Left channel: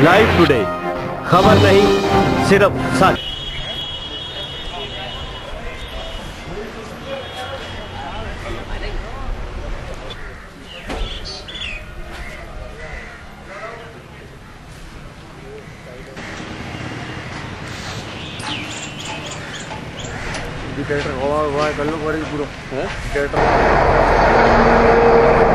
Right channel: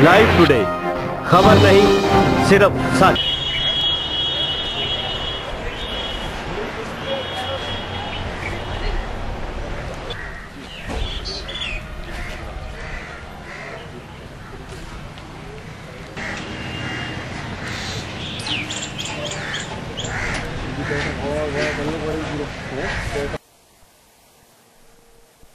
Live today, खबर नहीं सिर्फ सच।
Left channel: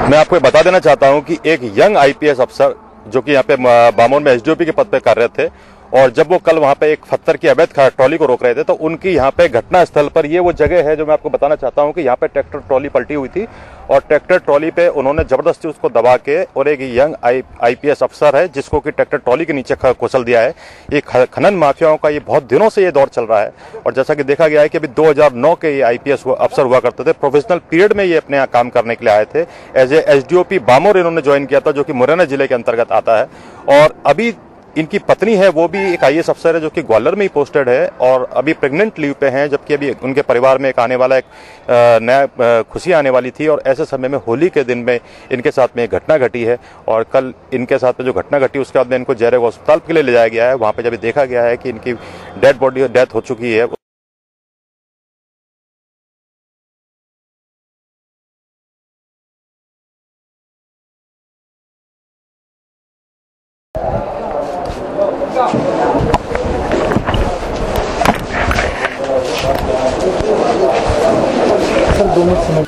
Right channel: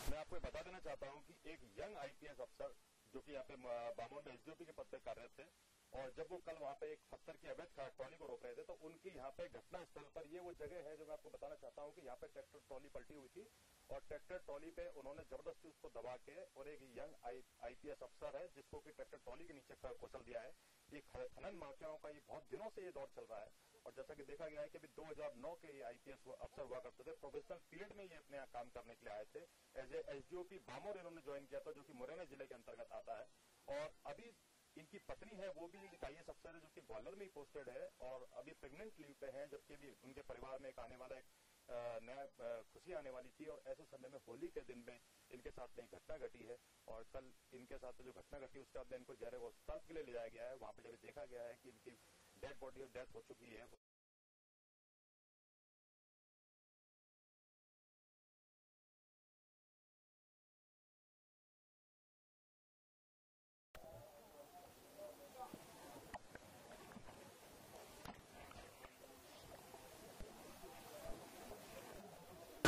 मैं आपको बता देना चाहता हूं कि एक यंग आईपीएस अफसर जो कि यहाँ पे बामोर में एसडीओपी के पद पे कार्यरत थे और जब वो कल वहां पे एक पत्थर की अवैध ट्रॉली को रोक रहे थे तो उनकी यहाँ पे घटना स्थल पर ये वो जगह है जो मैं आपको बताना चाहता हूं कि यहाँ पे ट्रैक्टर ट्रॉली पलटी हुई थी और ट्रैक्टर ट्रॉली पे उन्होंने जबरदस्ती उसको दबा के और एक यंग आईपीएस अफसर है जिसको कि ट्रैक्टर ट्रॉली के नीचे कुचल दिया है। ये खनन माफियाओं का ये बहुत दिनों से ये दौर चल रहा है और जैसा कि देखा गया है कि अभी 2009 के ये आईपीएस अफसर हुआ करते थे। प्रोफेशनल पीरियड में ये अपने यहाँ काम करने के लिए आए थे। एज ए एसडीओपी बामोर इन्होंने ज्वाइन किया था जो कि मुरैना जिले के अंतर्गत आता है और अभी इनकी पत्नी है वो भी एक आईएएस अफसर है जो कि ग्वालियर में ही पोस्टेड है और अभी प्रेग्नेंट लीव पे हैं, जबकि अभी उनके परिवार में एक आने वाला एक नया खुशी आने वाली थी और ऐसे समय में होली के दिन में इनके साथ में एक घटना घटी है और कल इनके साथ में जो घटना घटी उसके बाद में इनको जयरेग अस्पताल के लिए ले जाया गया है। वहां पे जब देखा गया है कि इनकी डेथ हो चुकी है। सर 2 मिनट समय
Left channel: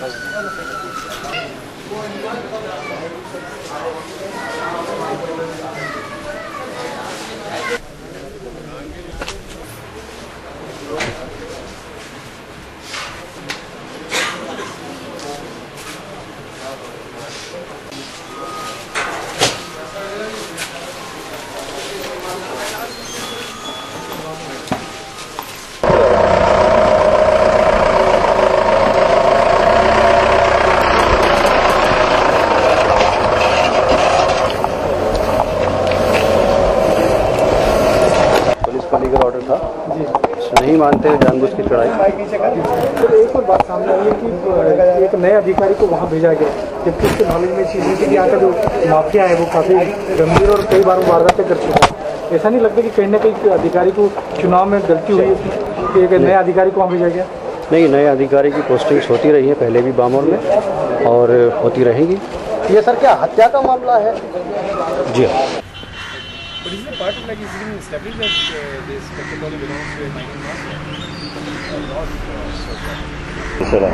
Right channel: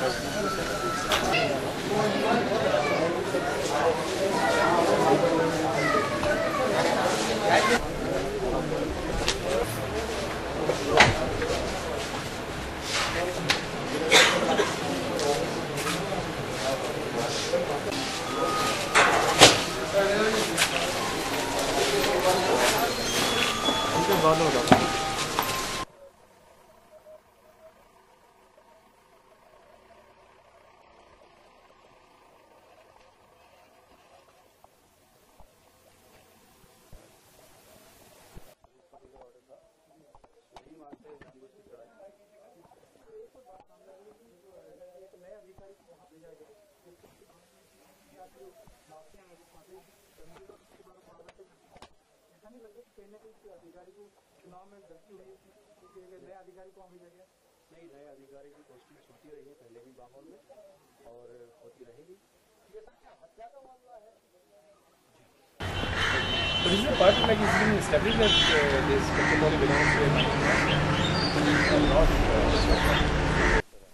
लीगल ऑर्डर था जी, नहीं मानते हैं जानबूझ की चढ़ाई। तो एक और बात सामने आई है कि एक नए अधिकारी को वहाँ भेजा गया जबकि उसके नॉलेज में चीज़ है कि यहाँ का जो माफिया है वो काफ़ी गंभीर और कई बार वारदातें कर चुका है। ऐसा नहीं लगता कि कहीं ना कहीं अधिकारी को चुनाव में गलती हुई कि एक नए अधिकारी को वहाँ भेजा गया? नहीं, नए अधिकारी की पोस्टिंग्स होती रही है पहले भी बामोर में और होती रहेंगी। ये सर क्या हत्या का मामला है? जी हाँ। But is it a part of like it's been established that this technology belongs to a mining man?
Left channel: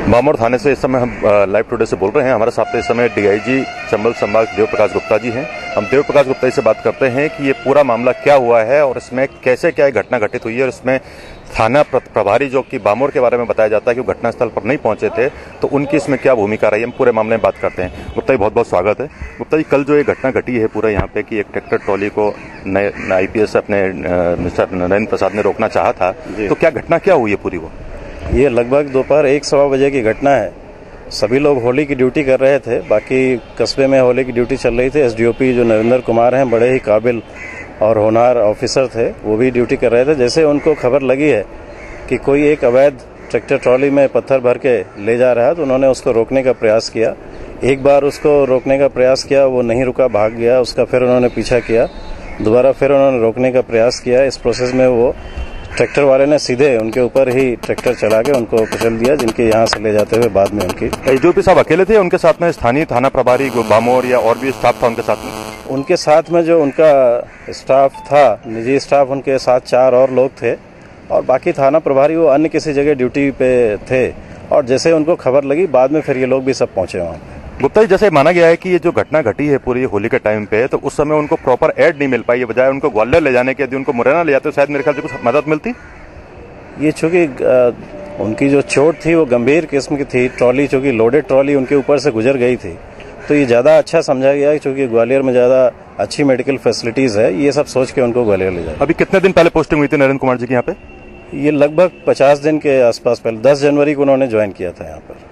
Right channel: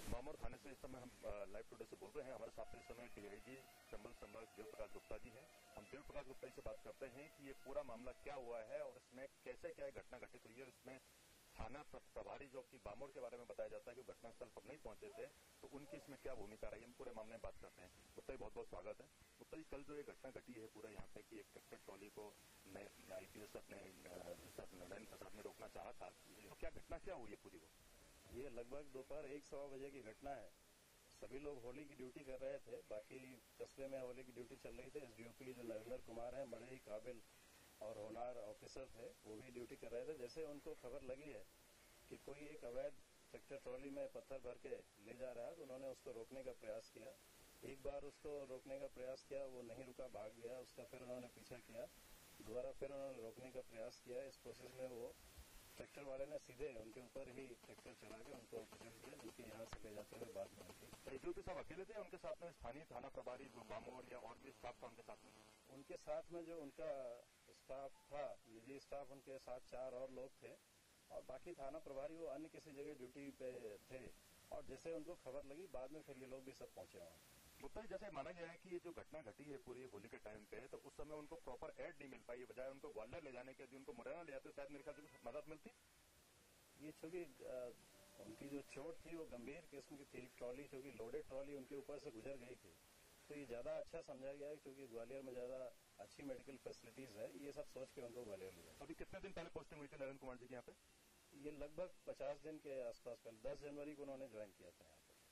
Bamor थाने से इस समय हम लाइव टुडे से बोल रहे हैं। हमारे साथ इस समय डीआईजी चंबल संभाग देव प्रकाश गुप्ता जी हैं। हम देव प्रकाश गुप्ता जी से बात करते हैं कि ये पूरा मामला क्या हुआ है और इसमें कैसे क्या घटना घटित हुई है और इसमें थाना प्रभारी जो कि बामोर के बारे में बताया जाता है कि वो घटनास्थल पर नहीं पहुंचे थे तो उनकी इसमें क्या भूमिका रही है, हम पूरे मामले में बात करते हैं। गुप्ता जी बहुत बहुत स्वागत है। गुप्ता जी, कल जो ये घटना घटी है पूरा यहाँ पे कि एक ट्रैक्टर ट्रॉली को नए आईपीएस अपने मिस्टर नरेंद्र प्रसाद ने रोकना चाहा था, तो क्या घटना क्या हुई है पूरी? वो ये लगभग दोपहर 1-1:15 बजे की घटना है। सभी लोग होली की ड्यूटी कर रहे थे, बाकी कस्बे में होली की ड्यूटी चल रही थी। एसडीओपी जो नरेंद्र कुमार हैं, बड़े ही काबिल और होनहार ऑफिसर थे, वो भी ड्यूटी कर रहे थे। जैसे उनको खबर लगी है कि कोई एक अवैध ट्रैक्टर ट्रॉली में पत्थर भर के ले जा रहा है तो उन्होंने उसको रोकने का प्रयास किया। एक बार उसको रोकने का प्रयास किया, वो नहीं रुका, भाग गया। उसका फिर उन्होंने पीछा किया, दोबारा फिर उन्होंने रोकने का प्रयास किया। इस प्रोसेस में वो ट्रैक्टर वाले ने सीधे उनके ऊपर ही ट्रैक्टर चला के उनको कुचल दिया, जिनके यहाँ से ले जाते हुए बाद में उनकी। एसडीओपी साहब अकेले थे, उनके साथ में स्थानीय थाना प्रभारी बामोर या और भी स्टाफ था उनके साथ में? उनके साथ में जो उनका स्टाफ था, निजी स्टाफ, उनके साथ 4 और लोग थे और बाकी थाना प्रभारी वो अन्य किसी जगह ड्यूटी पे थे और जैसे उनको खबर लगी बाद में फिर ये लोग भी सब पहुंचे वहाँ पे। गुप्ता जी, जैसे माना गया है कि ये जो घटना घटी है पूरी होली के टाइम पे, तो उस समय उनको प्रॉपर एड नहीं मिल पाई है, बजाय उनको ग्वालियर ले जाने के यदि उनको मुरैना ले जाते तो शायद मेरे ख्याल से कुछ मदद मिलती। ये चूंकि उनकी जो चोट थी वो गंभीर किस्म की थी, ट्रॉली चूंकि लोडेड ट्रॉली उनके ऊपर से गुजर गई थी, तो ये ज़्यादा अच्छा समझा गया क्योंकि ग्वालियर में ज़्यादा अच्छी मेडिकल फैसिलिटीज़ है, ये सब सोच के उनको ग्वालियर ले जाए। अभी कितने दिन पहले पोस्टिंग हुई थी नरेंद्र कुमार जी की यहाँ पे? ये लगभग 50 दिन के आसपास पहले, 10 जनवरी को उन्होंने ज्वाइन किया था यहाँ पर।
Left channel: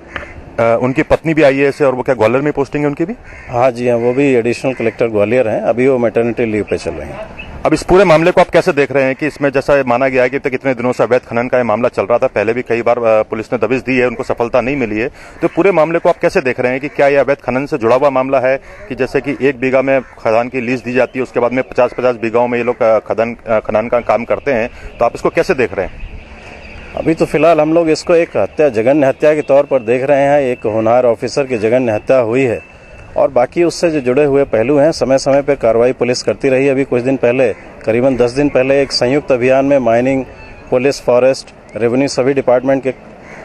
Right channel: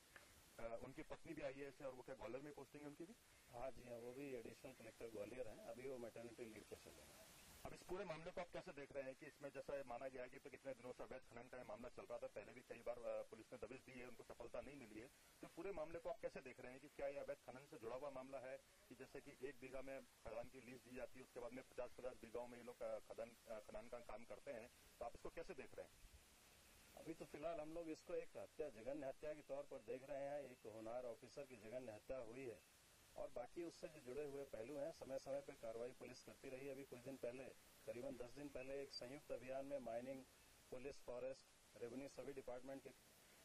उनकी पत्नी भी आईएएस है और वो क्या ग्वालियर में पोस्टिंग है उनकी भी? हाँ जी हाँ, वो भी एडिशनल कलेक्टर ग्वालियर हैं। अभी वो मैटरनिटी लीव पे चल रही हैं। अब इस पूरे मामले को आप कैसे देख रहे हैं कि इसमें जैसा माना गया है कि कितने दिनों से अवैध खनन का ये मामला चल रहा था, पहले भी कई बार पुलिस ने दबिश दी है, उनको सफलता नहीं मिली है, तो पूरे मामले को आप कैसे देख रहे हैं कि क्या ये अवैध खनन से जुड़ा हुआ मामला है कि जैसे कि 1 बीघा में खदान की लीज दी जाती है, उसके बाद में 50-50 बीघाओं में ये लोग खनन का काम करते हैं, तो आप इसको कैसे देख रहे हैं? अभी तो फिलहाल हम लोग इसको एक हत्या, जघन्य हत्या के तौर पर देख रहे हैं। एक होनहार ऑफिसर की जघन्य हत्या हुई है और बाकी उससे जो जुड़े हुए पहलू हैं, समय समय पर कार्रवाई पुलिस करती रही। अभी कुछ दिन पहले, करीबन 10 दिन पहले, एक संयुक्त अभियान में माइनिंग, पुलिस, फॉरेस्ट, रेवेन्यू सभी डिपार्टमेंट के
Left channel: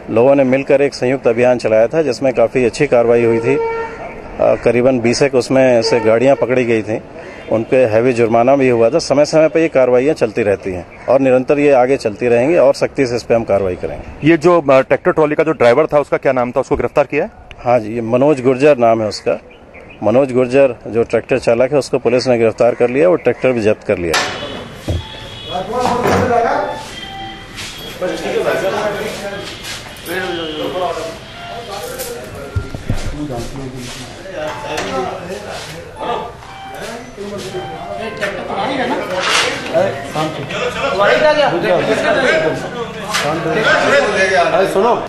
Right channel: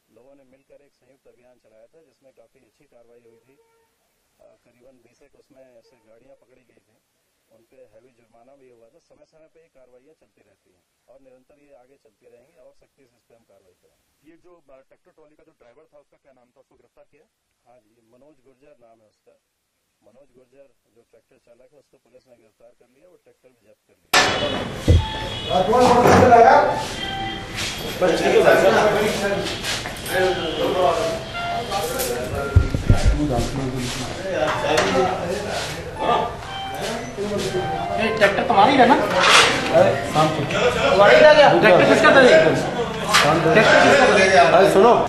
लोगों ने मिलकर एक संयुक्त अभियान चलाया था, जिसमें काफ़ी अच्छी कार्रवाई हुई थी। करीबन 20 एक उसमें से गाड़ियाँ पकड़ी गई थी, उन पे हैवी जुर्माना भी हुआ था। समय समय पर ये कार्रवाइयाँ चलती रहती हैं और निरंतर ये आगे चलती रहेंगी और सख्ती से इस पर हम कार्रवाई करेंगे। ये जो ट्रैक्टर ट्रॉली का जो ड्राइवर था, उसका क्या नाम था, उसको गिरफ्तार किया है? हाँ जी, ये मनोज गुर्जर नाम है उसका। मनोज गुर्जर जो ट्रैक्टर चालक है, उसको पुलिस ने गिरफ्तार कर लिया और ट्रैक्टर भी जब्त कर लिया। ट्रैक्टर तुम्हारी है ना? तुम्हारी था क्या? ट्रैक्टर किसका था? अरे सुनो,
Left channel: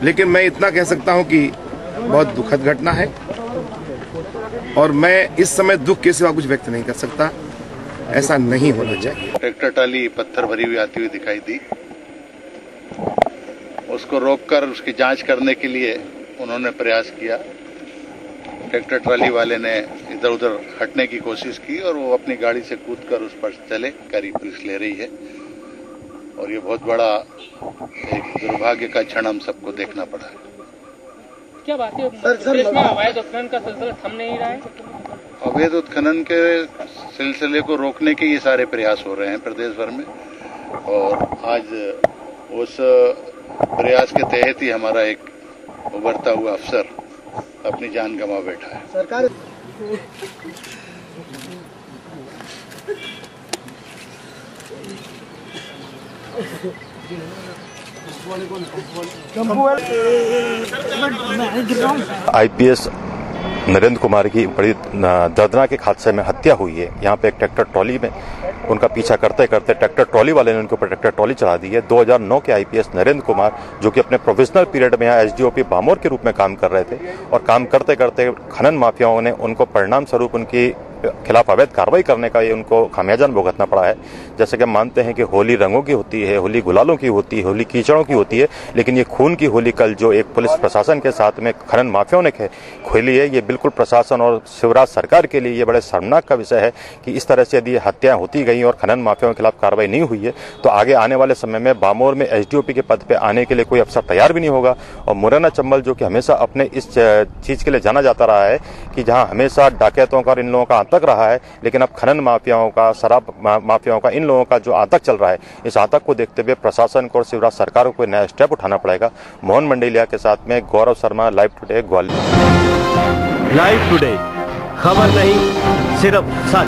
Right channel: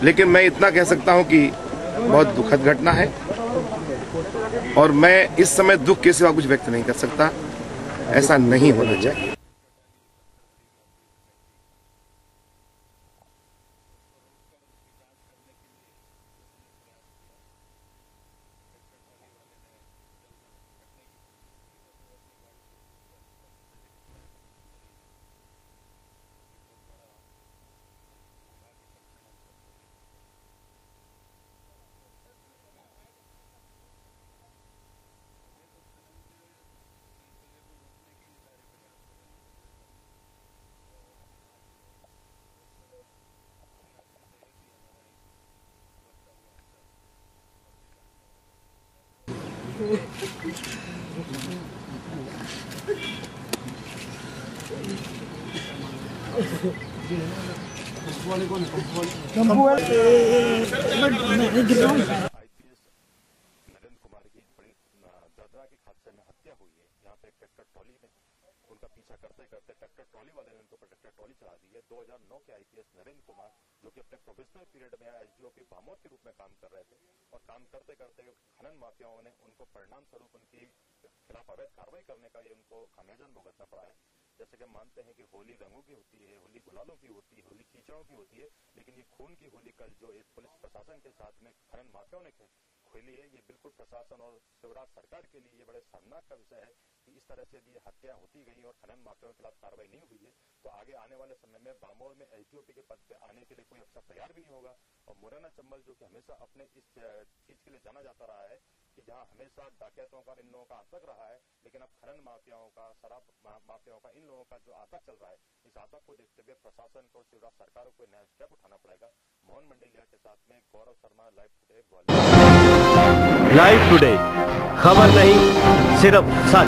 लेकिन मैं इतना कह सकता हूं कि बहुत दुखद घटना है और मैं इस समय दुख के सिवा कुछ व्यक्त नहीं कर सकता। ऐसा नहीं होना चाहिए। ट्रैक्टर ट्राली पत्थर भरी हुई आती हुई दिखाई दी, उसको रोककर उसकी जांच करने के लिए उन्होंने प्रयास किया। ट्रैक्टर ट्राली वाले ने इधर उधर हटने की कोशिश की और वो अपनी गाड़ी से कूदकर उस पर चले। कारी पुलिस ले रही है और ये बहुत बड़ा एक दुर्भाग्य का क्षण हम सबको देखना पड़ा है। क्या बात है प्रदेश में अवैध उत्खनन का सिलसिला थम नहीं रहा है? अवैध उत्खनन के सिलसिले को रोकने के ये सारे प्रयास हो रहे हैं प्रदेश भर में और आज उस प्रयास के तहत ही हमारा एक उभरता हुआ अफसर अपनी जान गंवा बैठा है। सरकार आईपीएस नरेंद्र कुमार की बड़ी दर्दनाक एक हादसे में हत्या हुई है। यहाँ पे एक ट्रैक्टर ट्रॉली में उनका पीछा करते करते ट्रैक्टर ट्रॉली वाले ने उनके ऊपर ट्रैक्टर ट्रॉली चढ़ा दी है। 2009 के आईपीएस नरेंद्र कुमार, जो कि अपने प्रोफेशनल पीरियड में यहाँ एसडीओपी बामोर के रूप में काम कर रहे थे और काम करते करते खनन माफियाओं ने उनको परिणाम स्वरूप उनकी खिलाफ अवैध कार्रवाई करने का ये उनको खामियाजान भुगतना पड़ा है। जैसे कि हम मानते हैं कि होली रंगों की होती है, होली गुलालों की होती है, होली कीचड़ों की होती है, लेकिन ये खून की होली कल जो एक पुलिस प्रशासन के साथ में खनन माफियाओं ने खोली है, ये बिल्कुल प्रशासन और शिवराज सरकार के लिए ये बड़े शर्मनाक का विषय है कि इस तरह से यदि हत्याएं होती गई और खनन माफियाओं के खिलाफ कार्रवाई नहीं हुई है तो आगे आने वाले समय में बामोर में एसडीओपी के पद पर आने के लिए कोई अफसर तैयार भी नहीं होगा। और मुरैना चंबल, जो कि हमेशा अपने इस चीज के लिए जाना जाता रहा है कि जहां हमेशा डाकैतों का और इन लोगों का आतंक रहा है, लेकिन अब खनन माफियाओं का, शराब माफियाओं का, इन लोगों का जो आतंक चल रहा है, इस आतंक को देखते हुए प्रशासन को और शिवराज सरकार को नया स्टेप उठाना पड़ेगा। मोहन मंडेलिया के साथ में Gaurav Sharma, live today, Gwalior. Live today, खबर नहीं सिर्फ सच।